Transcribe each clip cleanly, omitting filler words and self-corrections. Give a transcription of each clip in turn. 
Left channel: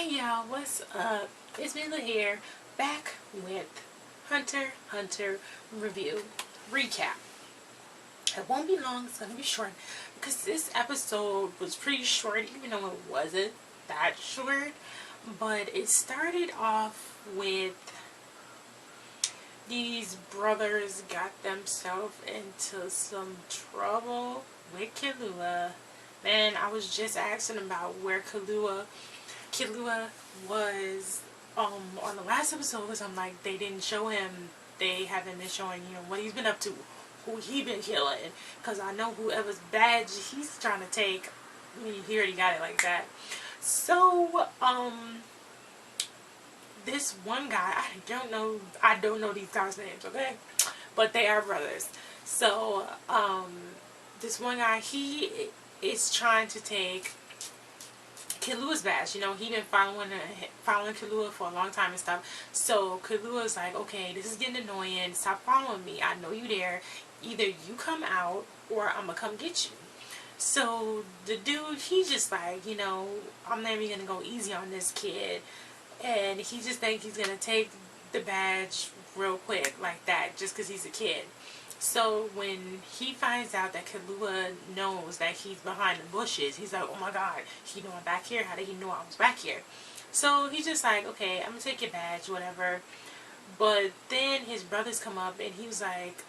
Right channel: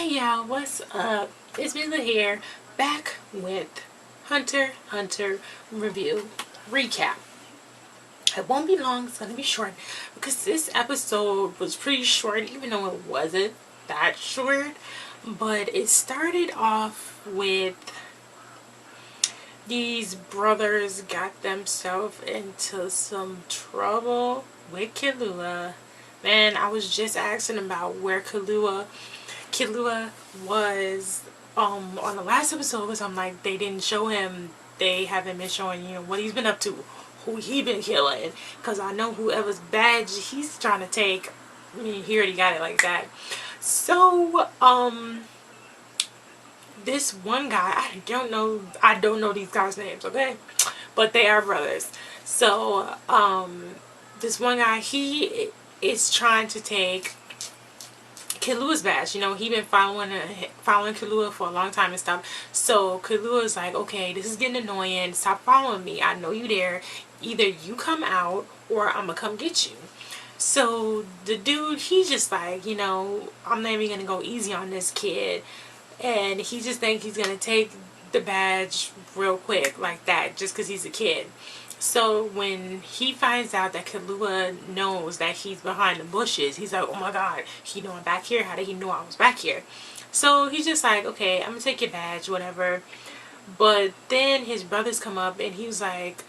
Hey y'all, what's up? It's Mila here, back with Hunter review recap. It won't be long, it's gonna be short because this episode was pretty short, even though it wasn't that short. But it started off with these brothers got themselves into some trouble with Killua. Man, I was just asking about where Killua was on the last episode, because I'm like, they didn't show him. They haven't been showing, what he's been up to, who he been killing, because I know whoever's badge he's trying to take, I mean, he already got it like that. So this one guy, I don't know these guys' names, okay, but they are brothers. So this one guy, he is trying to take Killua's badge. He been following Killua for a long time and stuff. So Killua's like, okay, this is getting annoying. Stop following me. I know you there. Either you come out or I'm gonna come get you. So the dude, he's just like, I'm not even gonna go easy on this kid, and he just think he's gonna take the badge real quick like that just because he's a kid. So when he finds out that Killua knows that he's behind the bushes, he's like, oh my god, he know I'm back here? How did he know I was back here? So he's just like, okay, I'm gonna take your badge, whatever. But then his brothers come up and he was like,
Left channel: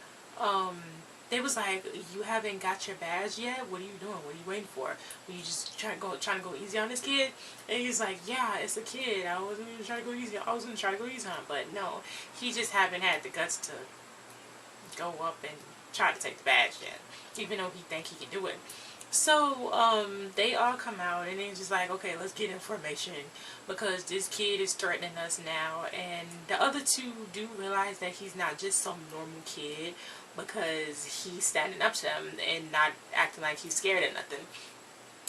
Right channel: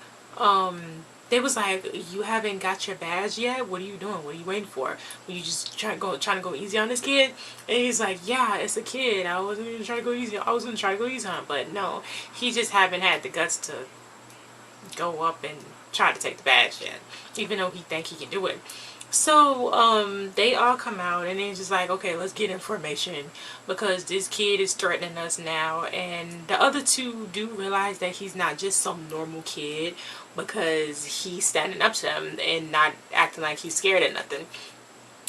they was like, you haven't got your badge yet? What are you doing? What are you waiting for? Were you just trying to go easy on this kid? And he's like, yeah, it's a kid. I wasn't even trying to go easy. I was gonna try to go easy on him, but no, he just haven't had the guts to go up and try to take the badge yet, even though he think he can do it. So they all come out and they're just like, okay, let's get information because this kid is threatening us now. And the other two do realize that he's not just some normal kid because he's standing up to them and not acting like he's scared of nothing.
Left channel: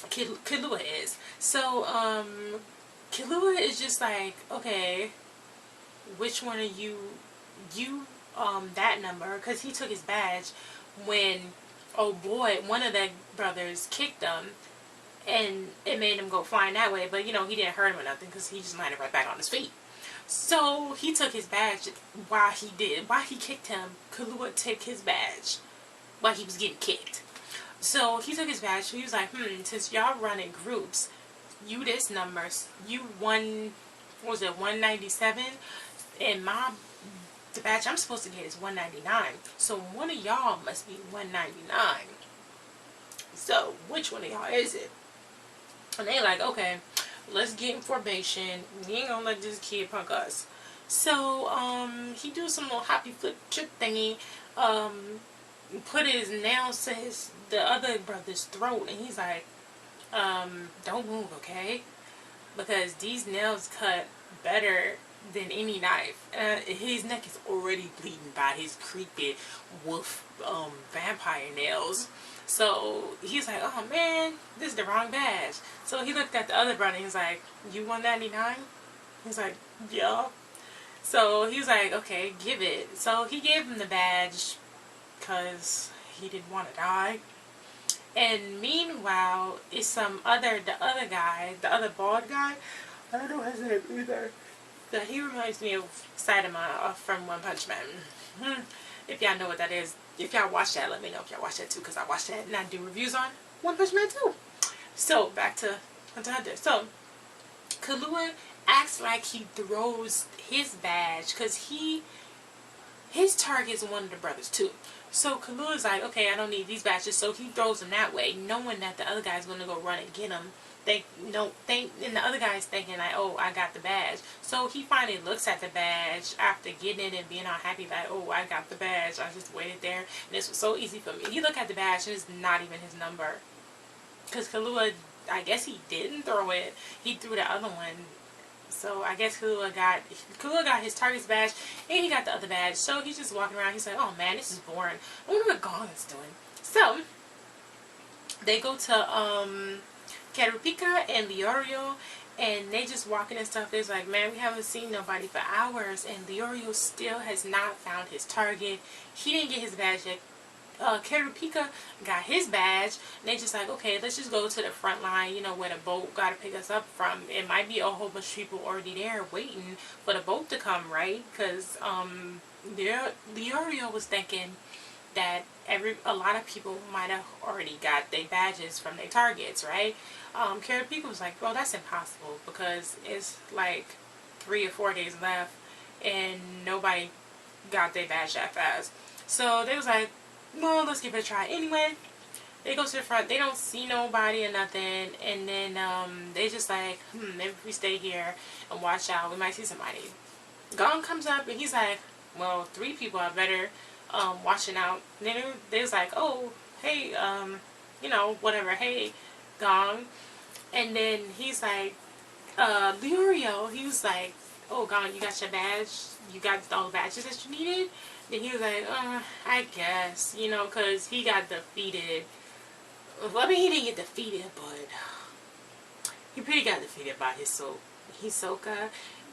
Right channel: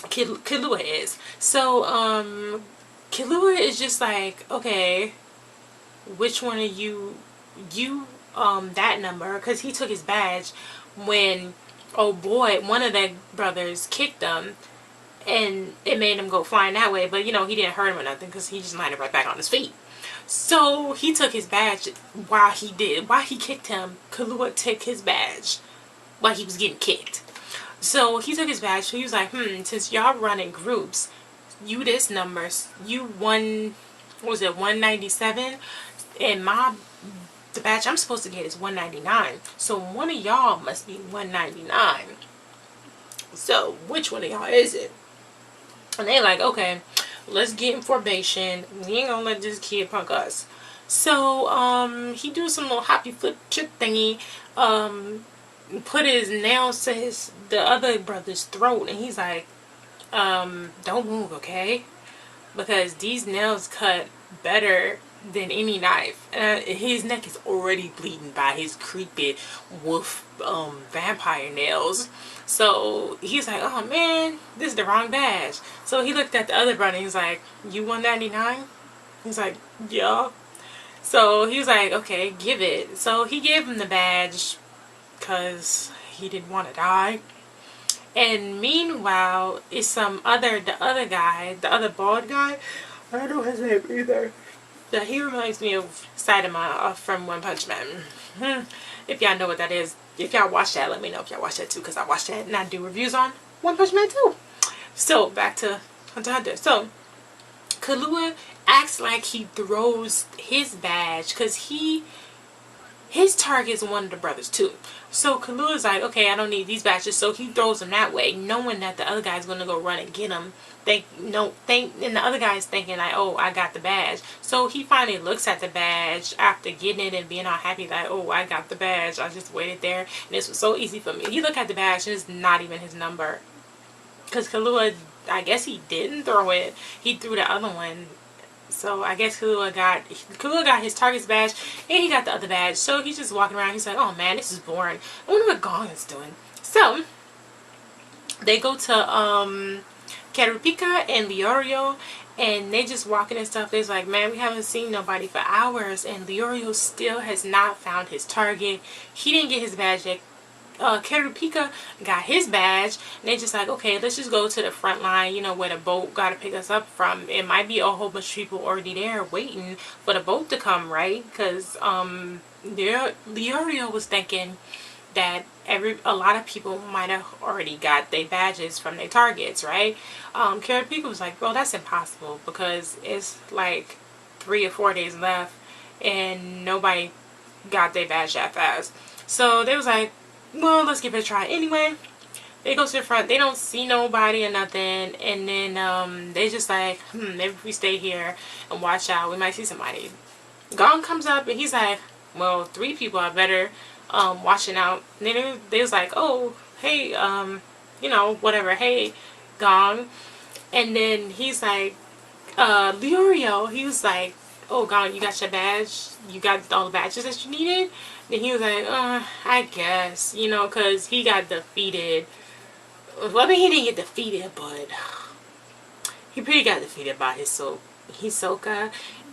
Killua is. So Killua is just like, okay, which one are you that number, because he took his badge when, oh boy, one of the brothers kicked him and it made him go flying that way, but he didn't hurt him or nothing because he just landed right back on his feet. So he took his badge while he kicked him. Killua took his badge while he was getting kicked. So he took his badge. So he was like, since y'all run in groups, you this number, you one, what was it, 197, and the badge I'm supposed to get is 199. So one of y'all must be 199. So which one of y'all is it? And they like, okay, let's get information. We ain't gonna let this kid punk us. So he do some little hoppy flip trip thingy. Put his nails to the other brother's throat, and he's like, don't move, okay? Because these nails cut better than any knife. His neck is already bleeding by his creepy wolf vampire nails. So he's like, oh man, this is the wrong badge. So he looked at the other brother and he's like, you 199? He's like, yeah. So he was like, okay, give it. So he gave him the badge because he didn't want to die. And meanwhile, it's the other guy, the other bald guy. I don't know his name either. But he reminds me of Saitama from One Punch Man. If y'all know what that is, if y'all watch that, let me know if y'all watch that too, because I watched that and I do reviews on One Punch Man too. So back to Hunter x Hunter. So Killua acts like he throws his badge because his target is one of the brothers too. So Killua's like, okay, I don't need these badges. So he throws them that way, knowing that the other guy's going to go run and get him. And the other guy's thinking like, oh, I got the badge. So he finally looks at the badge after getting it and being all happy like, oh, I got the badge. I just waited there and this was so easy for me. He looked at the badge and it's not even his number. Because Killua, I guess he didn't throw it. He threw the other one. So I guess Killua got his target's badge and he got the other badge. So he's just walking around. He's like, oh man, this is boring. I wonder what Gong is doing. So they go to Kurapika and Leorio, and they just walking and stuff. They're like, man, we haven't seen nobody for hours, and Leorio still has not found his target. He didn't get his badge yet. Kurapika got his badge, and they just like, okay, let's just go to the front line, you know, where the boat got to pick us up from. It might be a whole bunch of people already there waiting for the boat to come, right? Because Leorio was thinking that a lot of people might have already got their badges from their targets, right? Kurapika was like, well, that's impossible because it's like 3 or 4 days left and nobody got their badge that fast. So they was like, well, let's give it a try anyway. They go to the front, they don't see nobody or nothing, and then they just like, maybe if we stay here and watch out, we might see somebody. Gong comes up and he's like, well, 3 people are better watching out. And then they was like, oh, hey, you know, whatever, hey, Gong. And then he's like, Leorio, he was like, oh, Gong, you got your badge? You got all the badges that you needed? And he was like, I guess, you know, because he got defeated. Well, I mean, he didn't get defeated, but he pretty got defeated by Hisoka,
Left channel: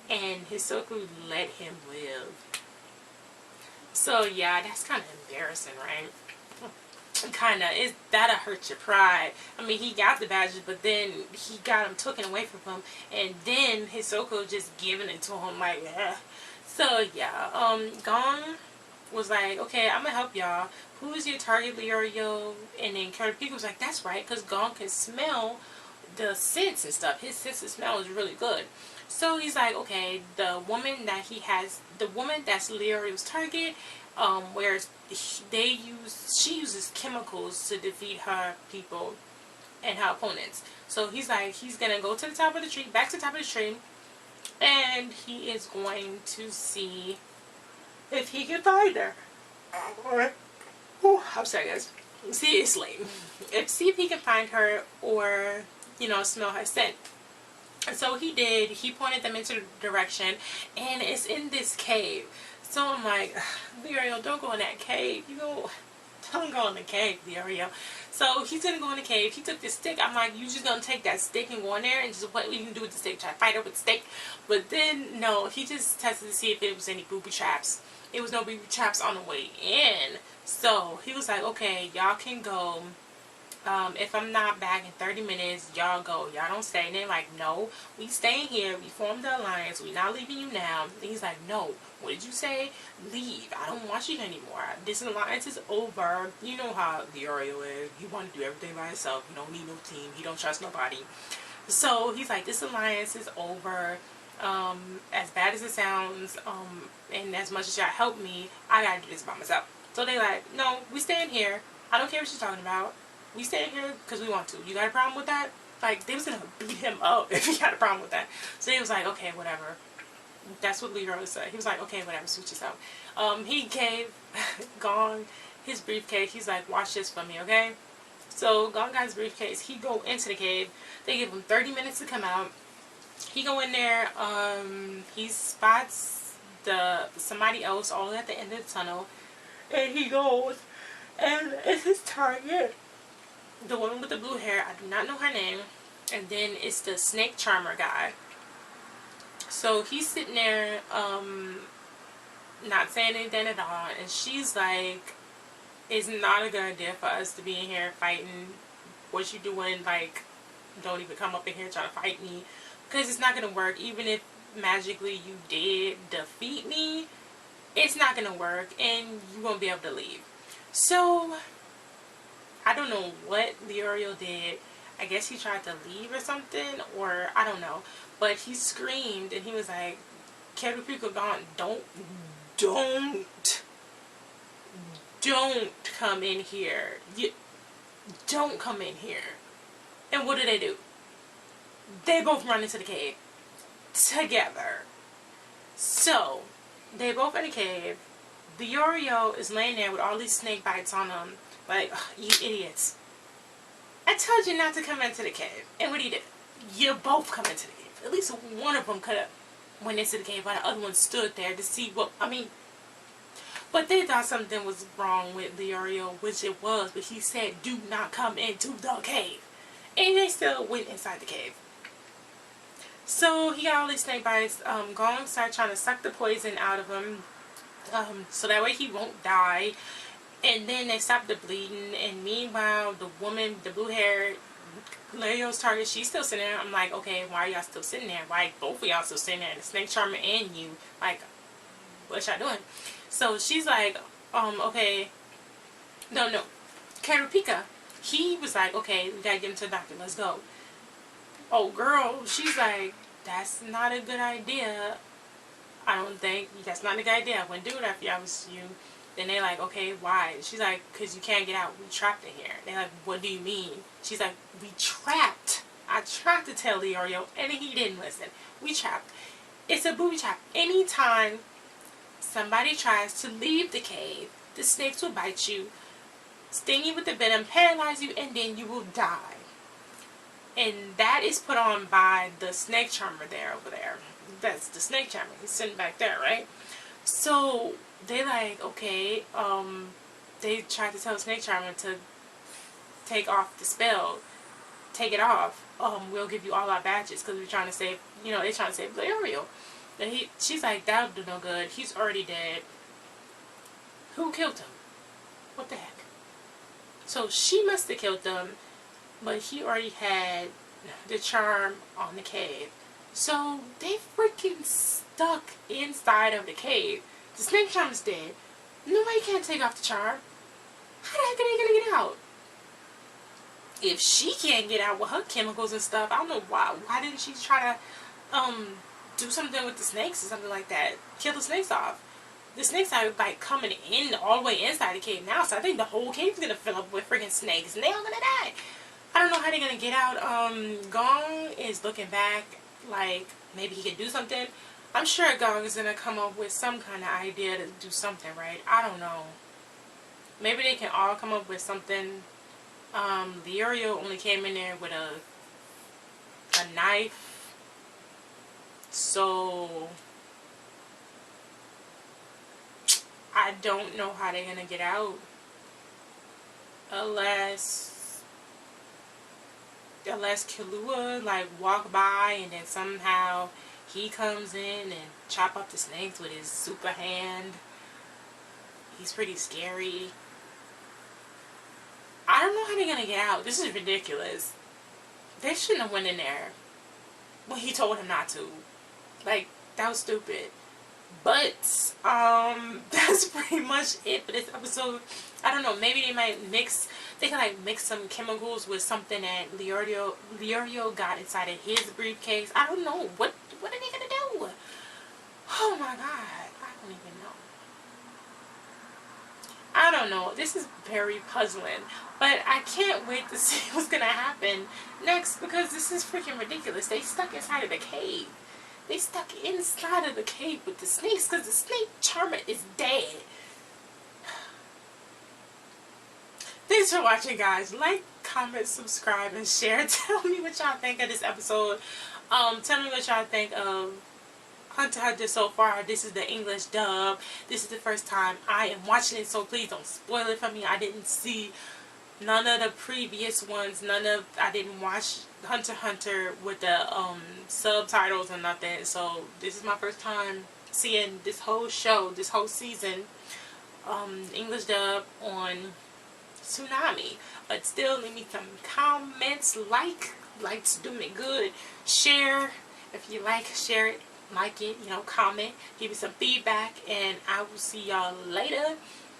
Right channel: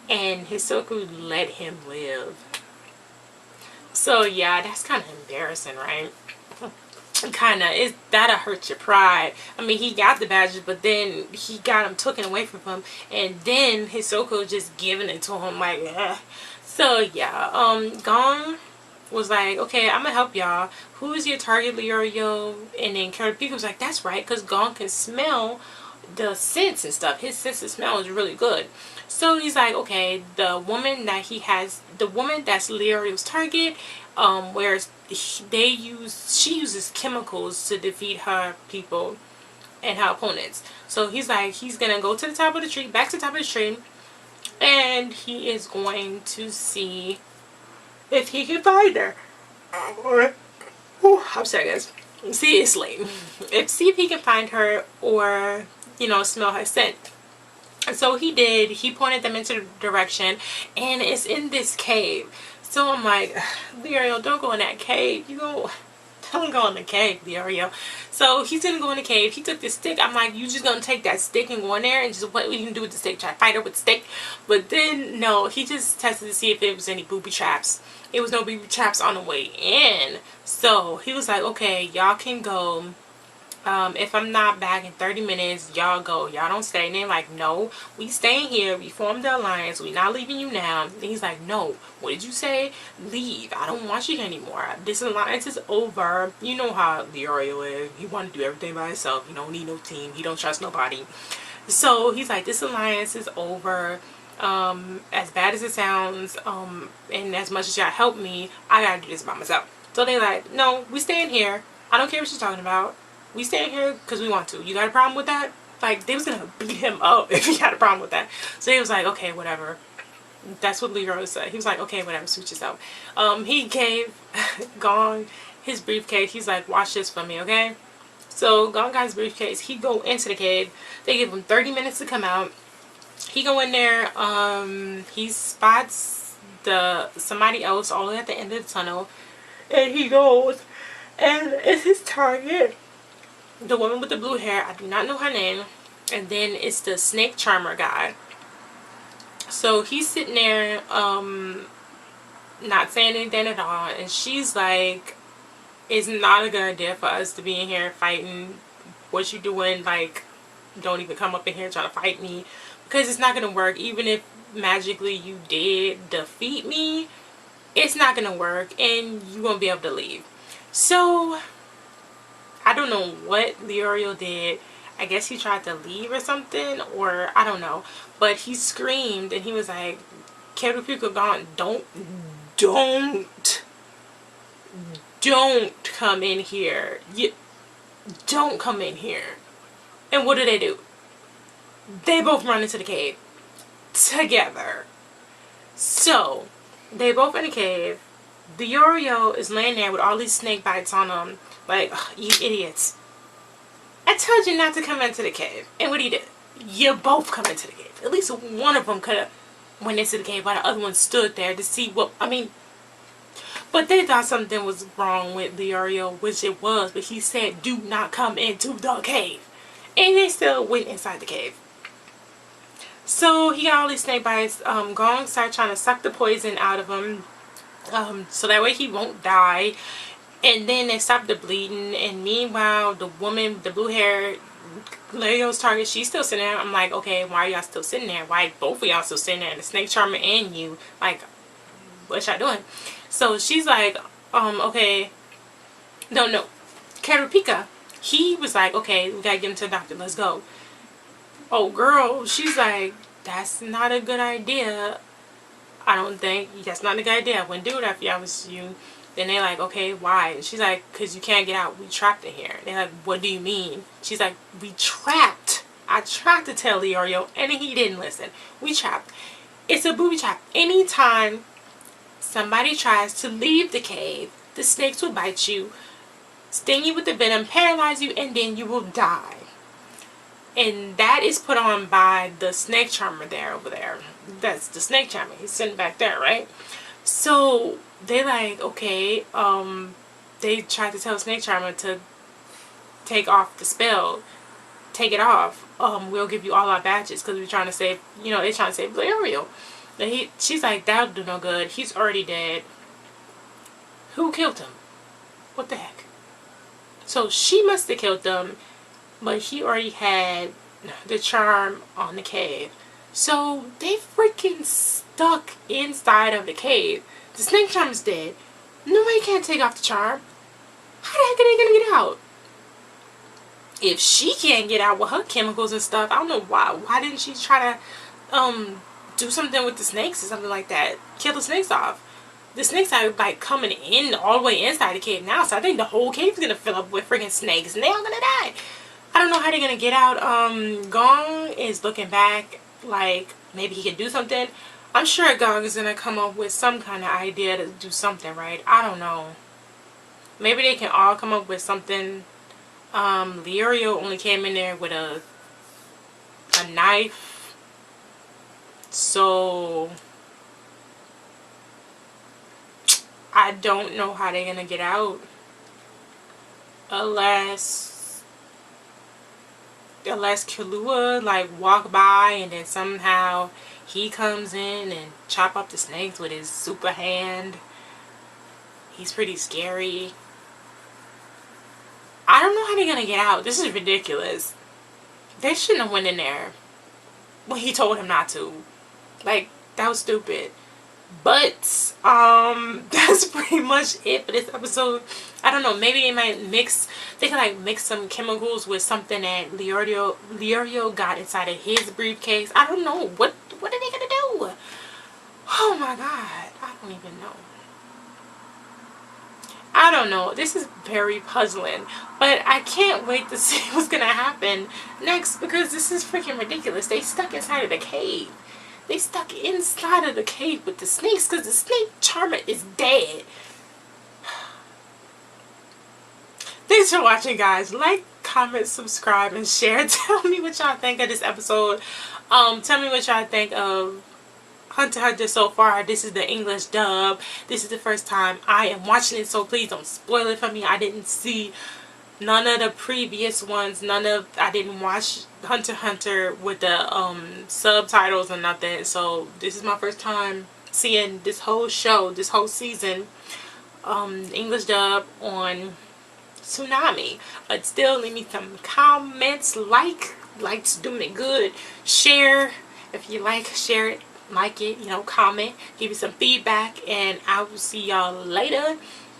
and Hisoka let him live. So, yeah, that's kind of embarrassing, right? Kind of, that'll hurt your pride. I mean, he got the badges, but then he got them taken away from him, and then Hisoka just giving it to him, like, ugh. So, yeah, Gong was like, okay, I'm gonna help y'all. Who is your target, Leorio? And then Kurapika was like, that's right, because Gong can smell the scents and stuff. His sense of smell is really good. So he's like, okay, the woman that's Leorio's target, she uses chemicals to defeat her people and her opponents. So he's like, he's gonna go to the top of the tree, back to the top of the tree, and he is going to see if he can find her. I'm sorry, guys. See, it's late. See if he can find her or, you know, smell her scent. And so he did. He pointed them into the direction, and it's in this cave. So I'm like, Leorio, don't go in that cave. Don't go in the cave, Leorio. So he's gonna go in the cave. He took the stick. I'm like, you just gonna take that stick and go in there and just what you can do with the stick? Try to fight her with the stick? But then no, he just tested to see if it was any booby traps. It was no booby traps on the way in. So he was like, okay, y'all can go. If I'm not back in 30 minutes, y'all go. Y'all don't stay. And they're like, no, we staying here. We formed the alliance. We not leaving you now. And he's like, no, what did you say? Leave. I don't want you here anymore. This alliance is over. You know how Leorio is. He want to do everything by himself. He don't need no team. He don't trust nobody. So he's like, this alliance is over. As bad as it sounds, and as much as y'all help me, I gotta do this by myself. So they're like, no, we staying here. I don't care what she's talking about. We staying here because we want to. You got a problem with that? Like, they was gonna beat him up if he had a problem with that. So he was like, okay, whatever. That's what Leroy said. He was like, okay, whatever, suit yourself. He gave Gong his briefcase. He's like, watch this for me, okay? So Gong got his briefcase. He go into the cave. They give him 30 minutes to come out. He go in there. He spots somebody else all the way at the end of the tunnel, and he goes, and it's his target. The woman with the blue hair, I do not know her name. And then it's the snake charmer guy. So he's sitting there, not saying anything at all. And she's like, it's not a good idea for us to be in here fighting. What you doing? Like, don't even come up in here trying to fight me. Because it's not going to work. Even if magically you did defeat me, it's not going to work. And you won't be able to leave. So I don't know what Leorio did. I guess he tried to leave or something, or I don't know. But he screamed and he was like, Kurapika gone, don't come in here. Don't come in here. And what do? They both run into the cave together. So they both in the cave. Leorio is laying there with all these snake bites on him. Like, ugh, you idiots. I told you not to come into the cave. And what do? You both come into the cave. At least one of them could have went into the cave while the other one stood there to see what, I mean. But they thought something was wrong with Leorio, which it was. But he said, do not come into the cave. And they still went inside the cave. So he got all these snake bites. Gong started trying to suck the poison out of him. So that way he won't die. And then they stopped the bleeding, and meanwhile, the woman, the blue hair, Leo's target, she's still sitting there. I'm like, okay, why are y'all still sitting there? Why both of y'all still sitting there? The snake charmer and you, like, what y'all doing? So she's like, okay, no, Kurapika, he was like, okay, we gotta get him to the doctor, let's go. Oh, girl, she's like, that's not a good idea. I don't think, that's not a good idea. I wouldn't do it if I was you. Then they're like, okay, why? And she's like, because you can't get out. We trapped in here. They're like, what do you mean? She's like, we trapped. I tried to tell Leorio, and he didn't listen. We trapped. It's a booby trap. Anytime somebody tries to leave the cave, the snakes will bite you, sting you with the venom, paralyze you, and then you will die. And that is put on by the snake charmer over there. That's the snake charmer. He's sitting back there, right? So they like, okay, they tried to tell the snake charmer to take off the spell, take it off. We'll give you all our badges because we're trying to save, they're trying to save Leorio. And she's like, that'll do no good. He's already dead. Who killed him? What the heck? So she must have killed them, but he already had the charm on the cave. So they freaking stuck inside of the cave. The snake charm's dead. Nobody can take off the charm. How the heck are they gonna get out? If she can't get out with her chemicals and stuff, I don't know why. Why didn't she try to do something with the snakes or something like that? Kill the snakes off. The snakes are like coming in all the way inside the cave now, so I think the whole cave is gonna fill up with freaking snakes and they're all gonna die. I don't know how they're gonna get out. Gong is looking back like maybe he can do something. I'm sure Gong is gonna come up with some kind of idea to do something, right? I don't know. Maybe they can all come up with something. Leorio only came in there with a knife. So I don't know how they're gonna get out. Unless Killua like walk by and then somehow he comes in and chop up the snakes with his super hand. He's pretty scary. I don't know how they're gonna get out. This is ridiculous. They shouldn't have went in there when he told him not to. Like, that was stupid. But that's pretty much it for this episode. I don't know, maybe they might they can like mix some chemicals with something that Leorio got inside of his briefcase. I don't know. What are they gonna do? Oh my god, I don't even know. I don't know. This is very puzzling. But I can't wait to see what's gonna happen next because this is freaking ridiculous. They stuck inside of the cave. They stuck inside of the cave with the snakes because the snake charmer is dead. Thanks for watching, guys. Like, comment, subscribe, and share. Tell me what y'all think of this episode. Tell me what y'all think of Hunter x Hunter so far. This is the English dub. This is the first time I am watching it, so please don't spoil it for me. I didn't see none of the previous ones. I didn't watch Hunter x Hunter with the subtitles or nothing. So this is my first time seeing this whole show, this whole season, English dub on Toonami. But still, leave me some comments. Likes do me good. Share if you like. Share it. Like it, comment, give me some feedback, and I will see y'all later.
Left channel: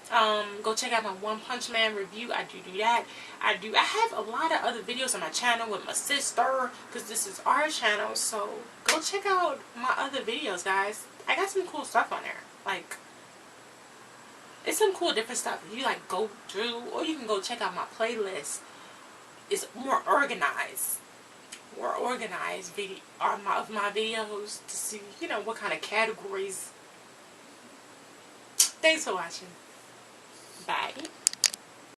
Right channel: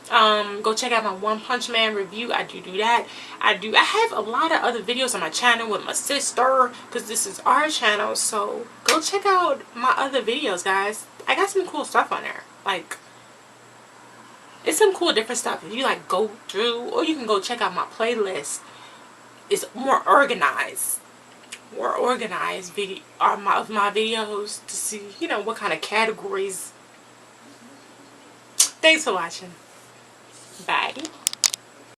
Go check out my One Punch Man review. I do that. I have a lot of other videos on my channel with my sister, because this is our channel, so go check out my other videos, guys. I got some cool stuff on there. Like, it's some cool different stuff. If you like go through, or you can go check out my playlist. It's more organized video of my videos to see, what kind of categories. Thanks for watching. Bye.